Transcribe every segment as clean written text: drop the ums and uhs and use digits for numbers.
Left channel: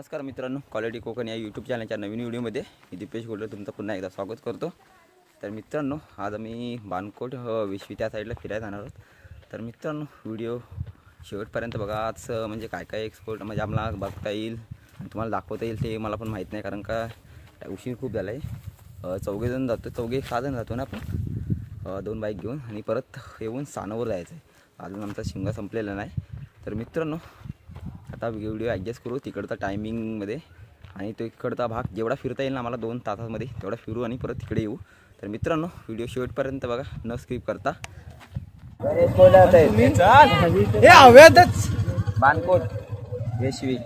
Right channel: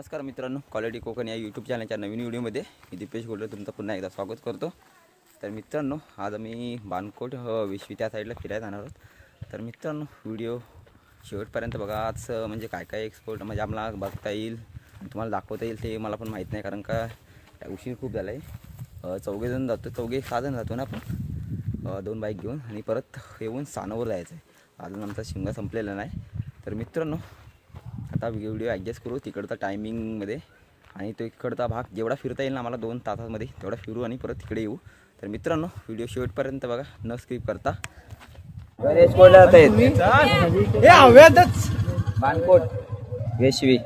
नमस्कार मित्रांनो, क्वालिटी कोकण या यूट्यूब चॅनलच्या नवीन व्हिडिओमध्ये मी दीपेश गोल्डर तुमचं पुन्हा एकदा स्वागत करतो। तर मित्रांनो, आज आम्ही बाणकोट विश्वी त्या साईडला फिरायला जाणार आहोत। तर मित्रांनो, व्हिडिओ शेवटपर्यंत बघा। आज म्हणजे काय काय एक्सपोर्ट म्हणजे आम्हाला बघता येईल आणि तुम्हाला दाखवता येईल ते मला पण माहीत नाही, कारण का उशीर खूप झाला आहे। चौघेजण जातो, 6 जण जातो ना आपण, 2 बाईक घेऊन आणि परत येऊन सानोवर जायचं आहे। अजून आमचा शिमगा संपलेला नाही। तर मित्रांनो, आता व्हिडिओ ॲडजस्ट करू तिकडचा टायमिंगमध्ये आणि तो इकडचा भाग जेवढा फिरता येईल ना आम्हाला 2 तासामध्ये तेवढा फिरू आणि परत तिकडे येऊ। तर मित्रांनो, व्हिडिओ शेवटपर्यंत बघा, न स्किप करता। बाणकोट वेशवी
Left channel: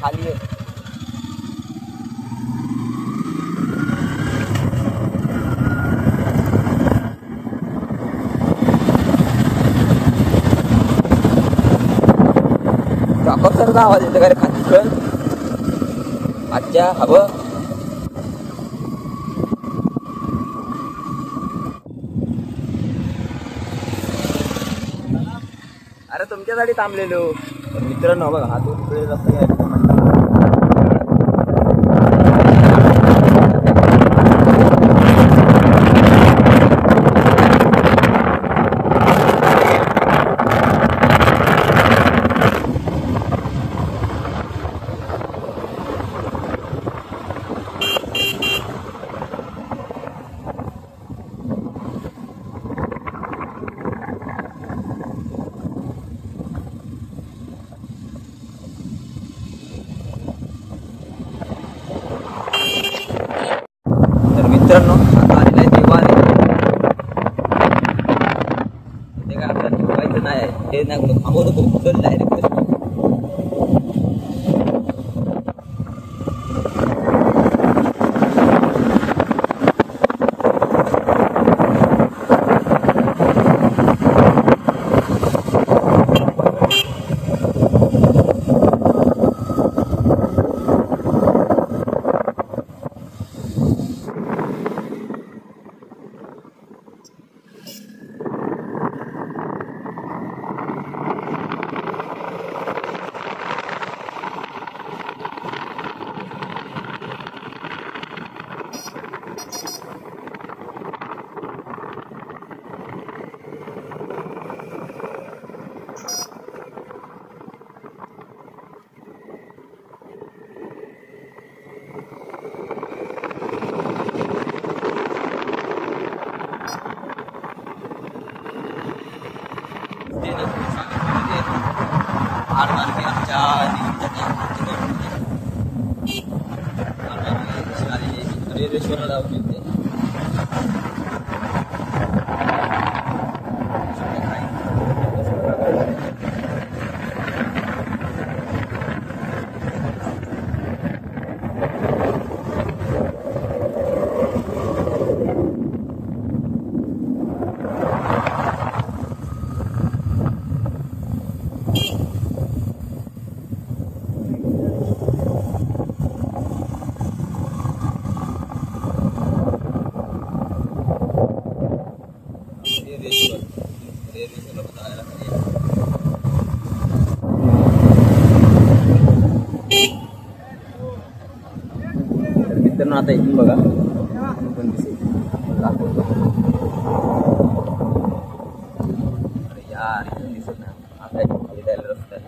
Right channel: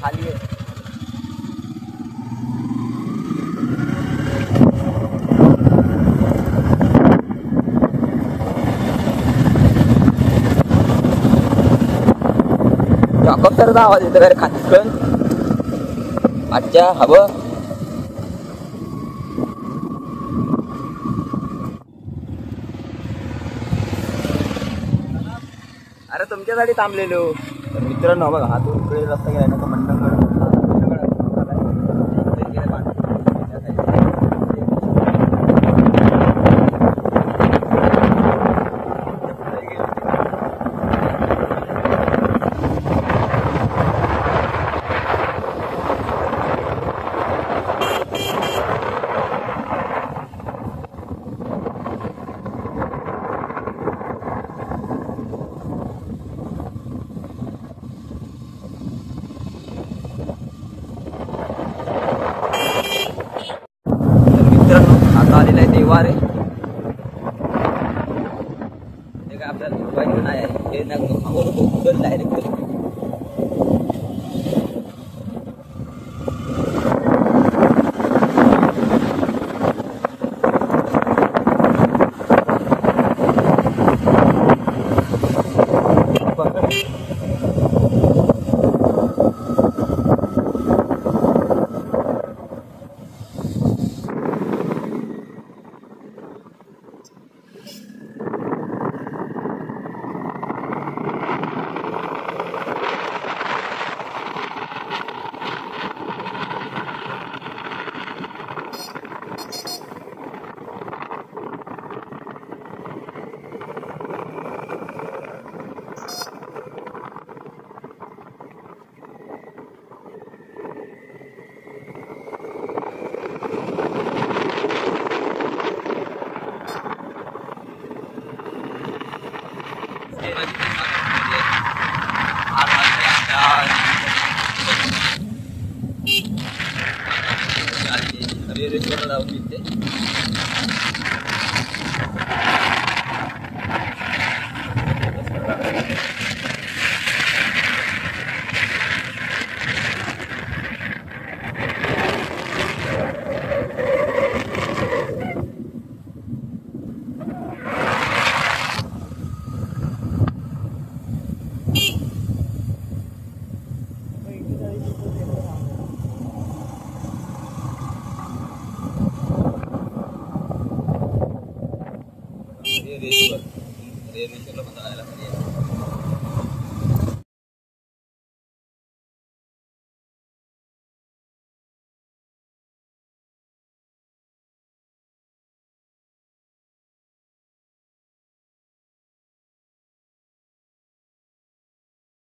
खाली आहे। फक्त आवाज येतो काय खाटकन आजच्या हवं। अरे तुमच्यासाठी थांबलेलो। तर मित्रांनो बघा, हा 2 रस्ता घ्यायचा म्हणतात। मित्रांनो, आता आलेला आहे देवारे। ते काय आपल्याला ठेवायचं नाही, ते नाही थांबवतो तो डायरेक्ट। मित्रांनो, आता इथून बघा पण दिसेल यार, इथून दिसत नाही। आता इथून खाली जायला रस्ता आहे।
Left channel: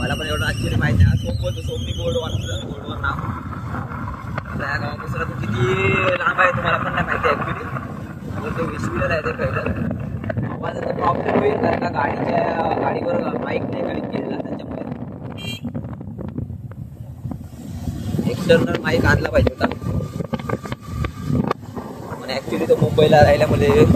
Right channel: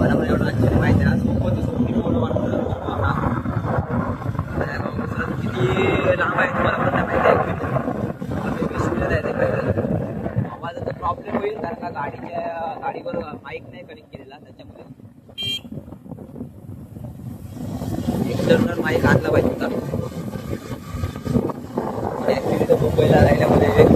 मला पण एवढं आश्चर्य माहिती आहे ना, सोपी कोड वाटतं किती लांब आहे तुम्हाला पण नाही माहिती ॲक्च्युली। आहे ते कळलं आवाजाचा प्रॉब्लेम होईल, कारण का गाडीवर माईक नाही कनेक्ट केलेला, त्याच्यामुळे एक्सटर्नल माईक आणला पाहिजे का ॲक्च्युली। तो मुंबईला राहिल्यामध्ये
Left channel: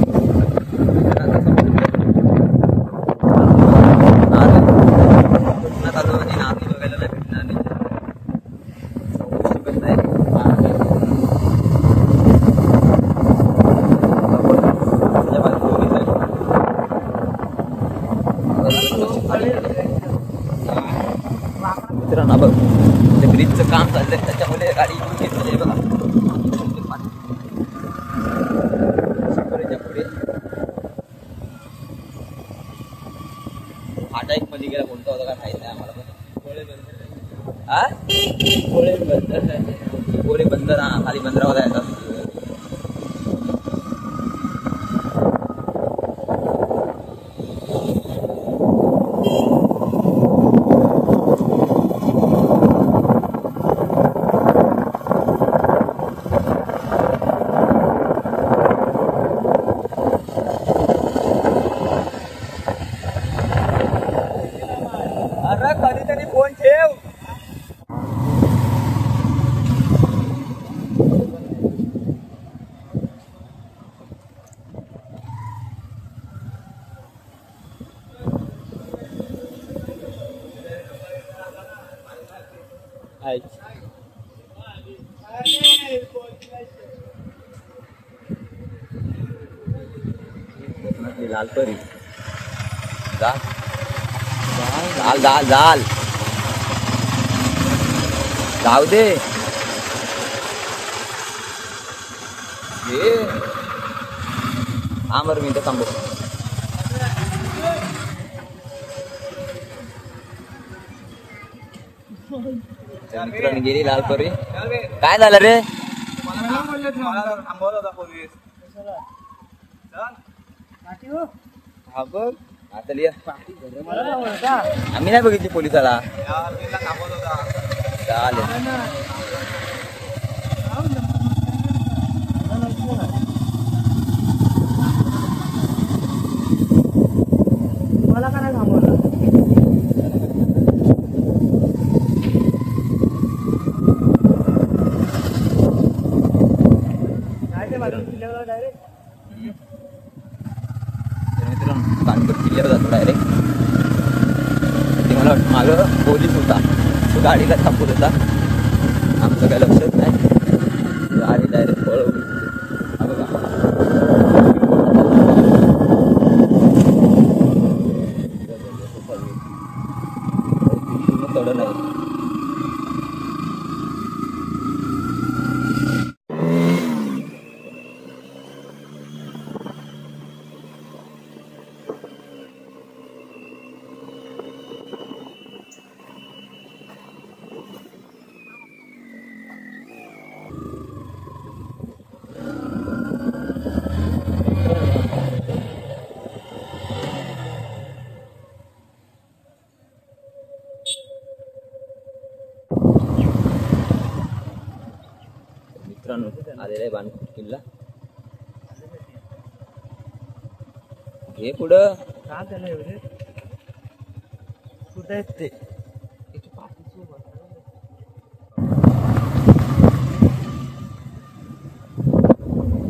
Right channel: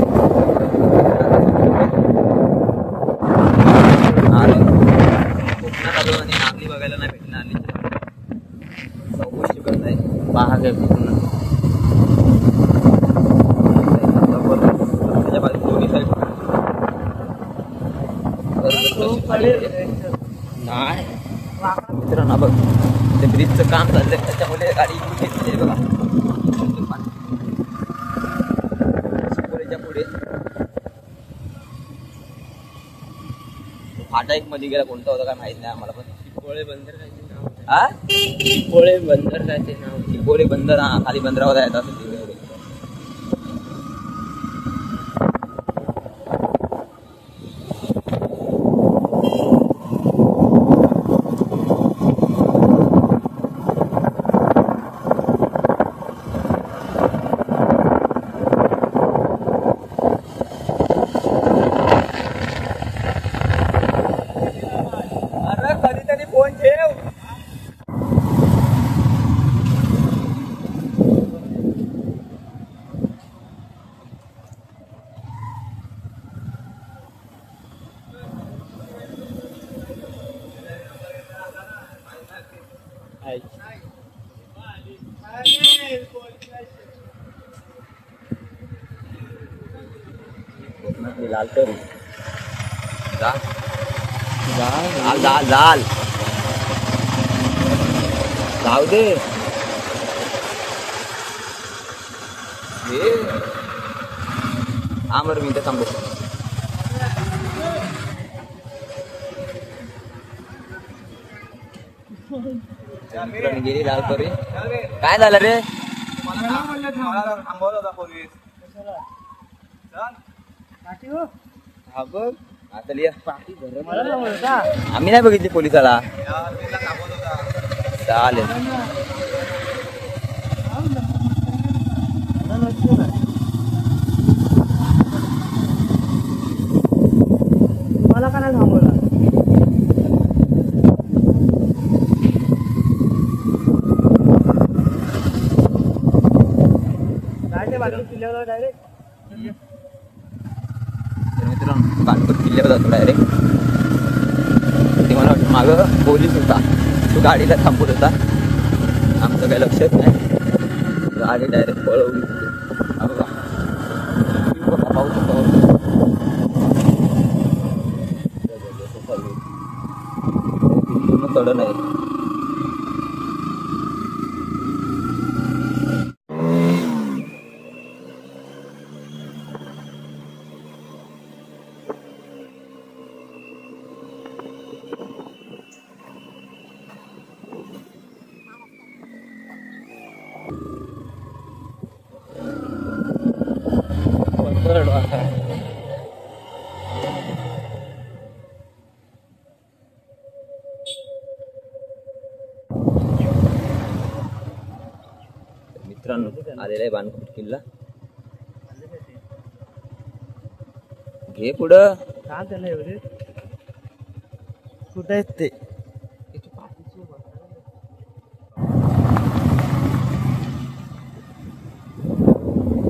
कोकणात आलो आणि नागरी बघायला नाही भेटणार नाही, शकत नाही। 12 फाटा एक मध्ये गेला कोणता होता काय माहित नाही आम्हाला पण. कोळे बंदर हा कोळे बंदर काय ते नाव. कोळे बंदर हा खाली बंदरावर आहे. अरे कधीतरी फोन ठेव. लाल तरी जाल जाल जाल जाऊ दे. हा बरं मी इथं थांबू. मित्रांनी गेली लाल तरी. काय झालं रे. थांबवलं होता पोलीस. हा बघ आता लिया. आम्ही नाही बघितली पोलिसाला. चालेल. मला काय थांबवलं. बाणकोट किल्ल्यावर जातो डायरेक्ट. ते मला वाटतं मागं पोलीस होता, तो गाडीला थांबवत होता. आमचं काही लक्षात नाही. गाडी डायरेक्ट पळवली. हा बघा पूर्ण चढण आहे. मित्रांनो आलेला आहे बाणकोट किल्ला. घे पुढं. काय झालं एवढे कुठे आहेत ते.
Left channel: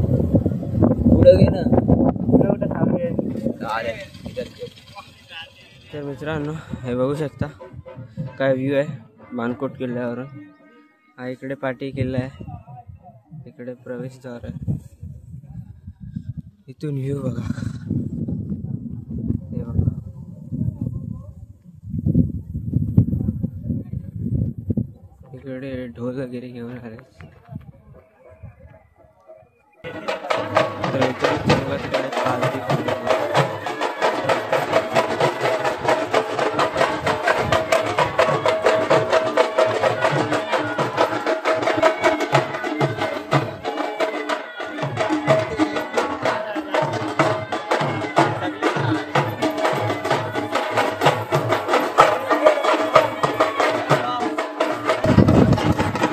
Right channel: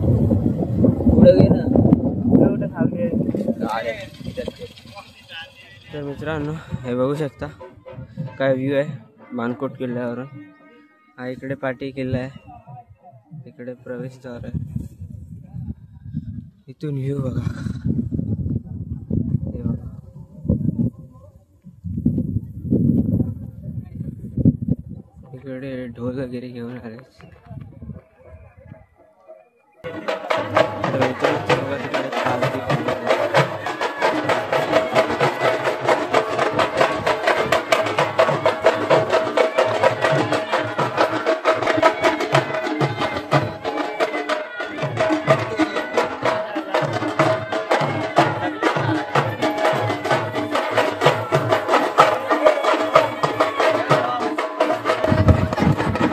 पुढं घे ना. तर मित्रांनो हे बघू शकता काय व्ह्यू आहे बाणकोट किल्ल्यावरून. हा इकडे पाटी किल्ला आहे, इकडे प्रवेशद्वार आहे. इथून व्ह्यू बघा. हे बघा इकडे ढोल वगैरे घेऊन आले. तर इथून बघा तिकडे पालखी फिरवली.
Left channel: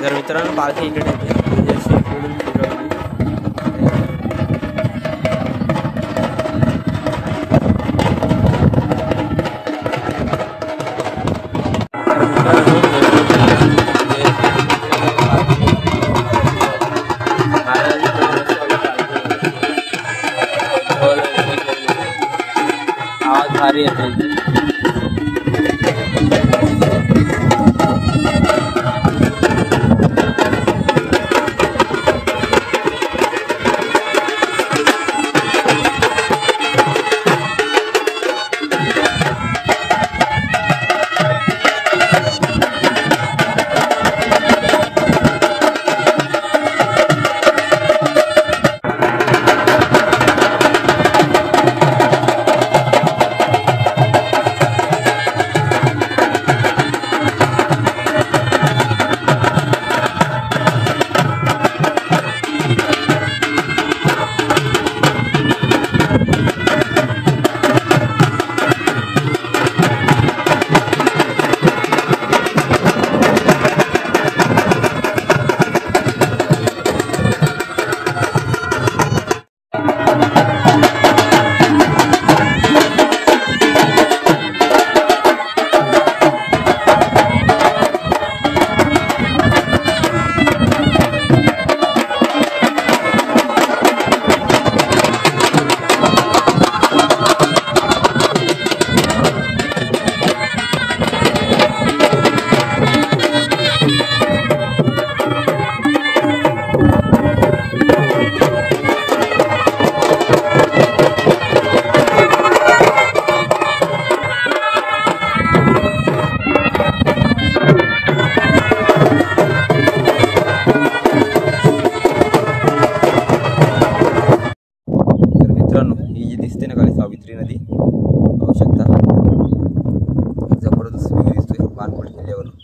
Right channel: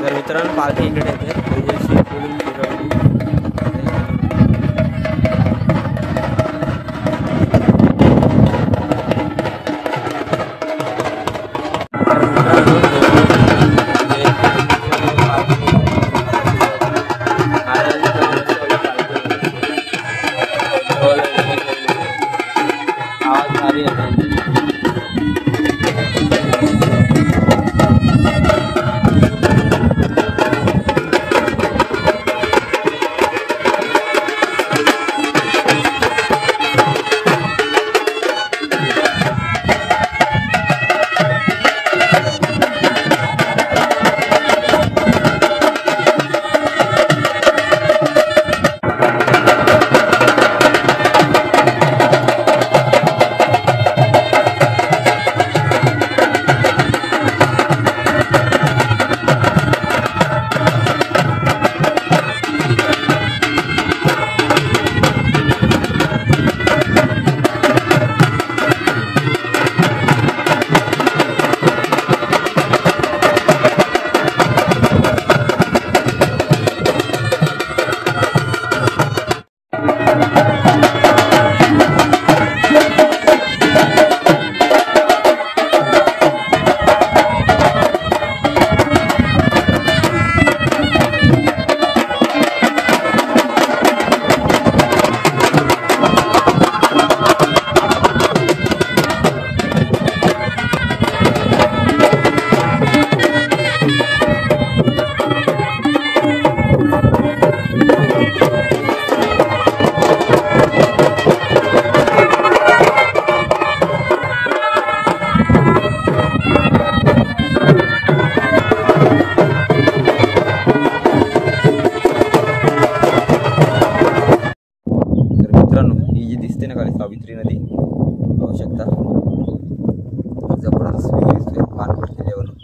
तर मित्रांनो पालखी इकडे येते म्हणजे अशी इकडून फिरवली. तर मित्रांनो आवाज भारी येते. सावित्री नदी पाहू शकता. जबरदस्त व्ह्यू दिसतोय बाणकोट किल्ल्यावरून.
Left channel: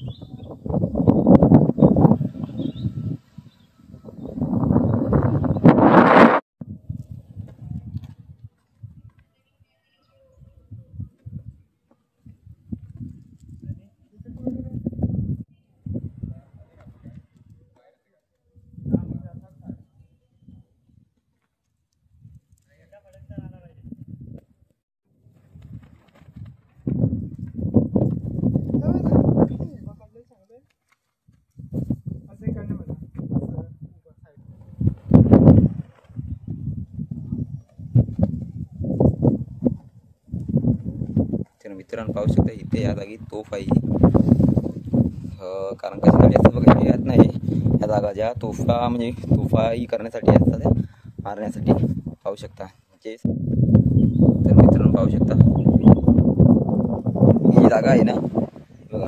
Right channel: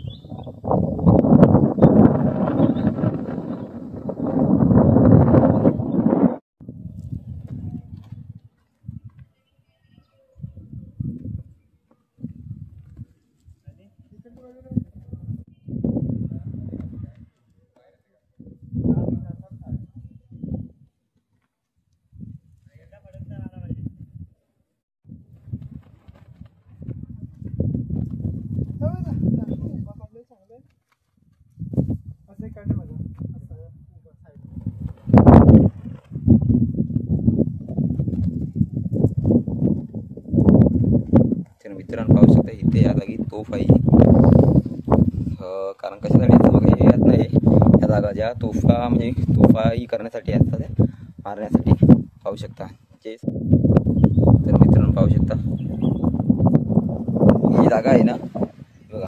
मित्रांनो पाहू शकता इथे या जागी तोफ आहे. कारण कशासाठी असं बघा यात नाही या जागा ज्या तोफा म्हणजे तोफाही करण्यासाठी असतात त्या मारण्यासाठी पाहू शकता. तर मित्रांनो पाहू शकता ही जागा आहे ना बघा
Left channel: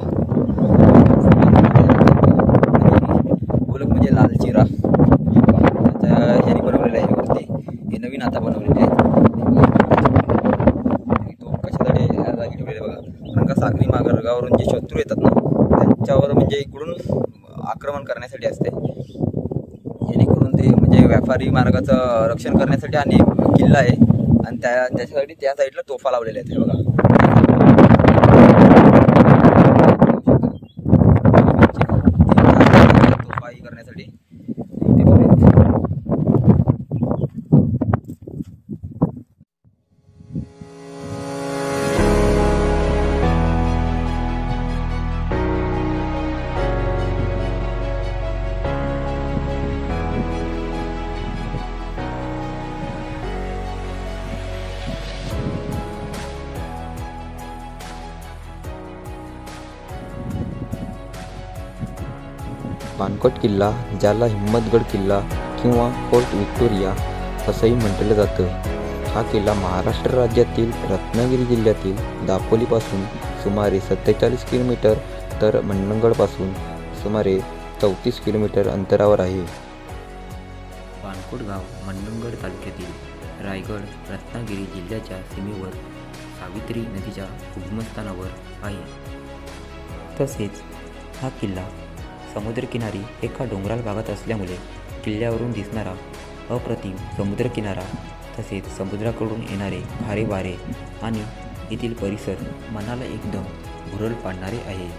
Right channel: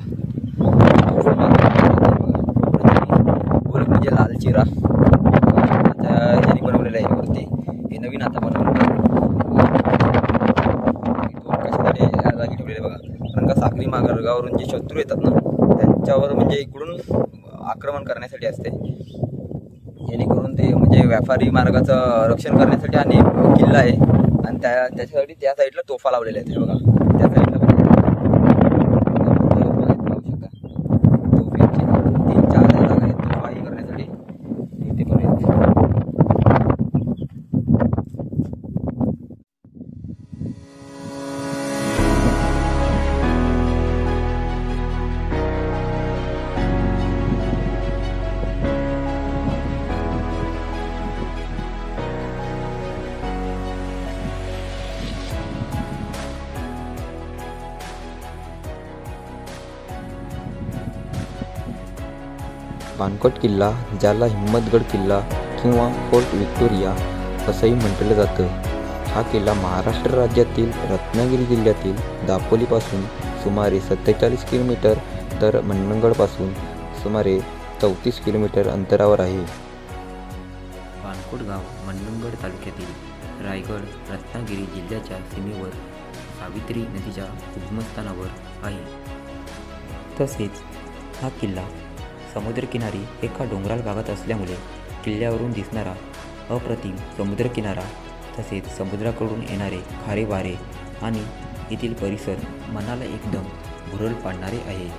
गोलक म्हणजे लाल चिरा त्याच्या ह्याने बनवलेलं आहे वरती. हे नवीन आता बनवलेलं आहे. कशासाठी ह्या जागी ठेवलेले बघा कारण का सागरी मार्गावरून जे शत्रू येतात ना त्यांच्यावर म्हणजे इकडून आक्रमण करण्यासाठी असते. जेणेकरून ते म्हणजे व्यापारी मार्गाचं रक्षण करण्यासाठी आणि किल्ला आहे आणि त्याच्यासाठी त्या साईडला तोफा लावलेल्या आहेत. हे बघा तोफाही करण्यासाठी बाणकोट किल्ला, ज्याला हिम्मतगड किल्ला किंवा फोर्ट व्हिक्टोरिया असंही म्हटलं जातं, हा किल्ला महाराष्ट्र राज्यातील रत्नागिरी जिल्ह्यातील दापोलीपासून सुमारे 47 किलोमीटर तर मंडणगडपासून सुमारे 34 किलोमीटर अंतरावर आहे. बाणकोट गाव मंडणगड तालुक्यातील रायगड रत्नागिरी जिल्ह्याच्या सीमेवर सावित्री नदीच्या उगमस्थानावर आहे. तसेच हा किल्ला समुद्रकिनारी एका डोंगराळ भागात असल्यामुळे किल्ल्यावरून दिसणारा अप्रतिम समुद्रकिनारा तसेच समुद्राकडून येणारे खारे वारे आणि येथील परिसर मनाला एकदम भुरळ पाडणारे आहे.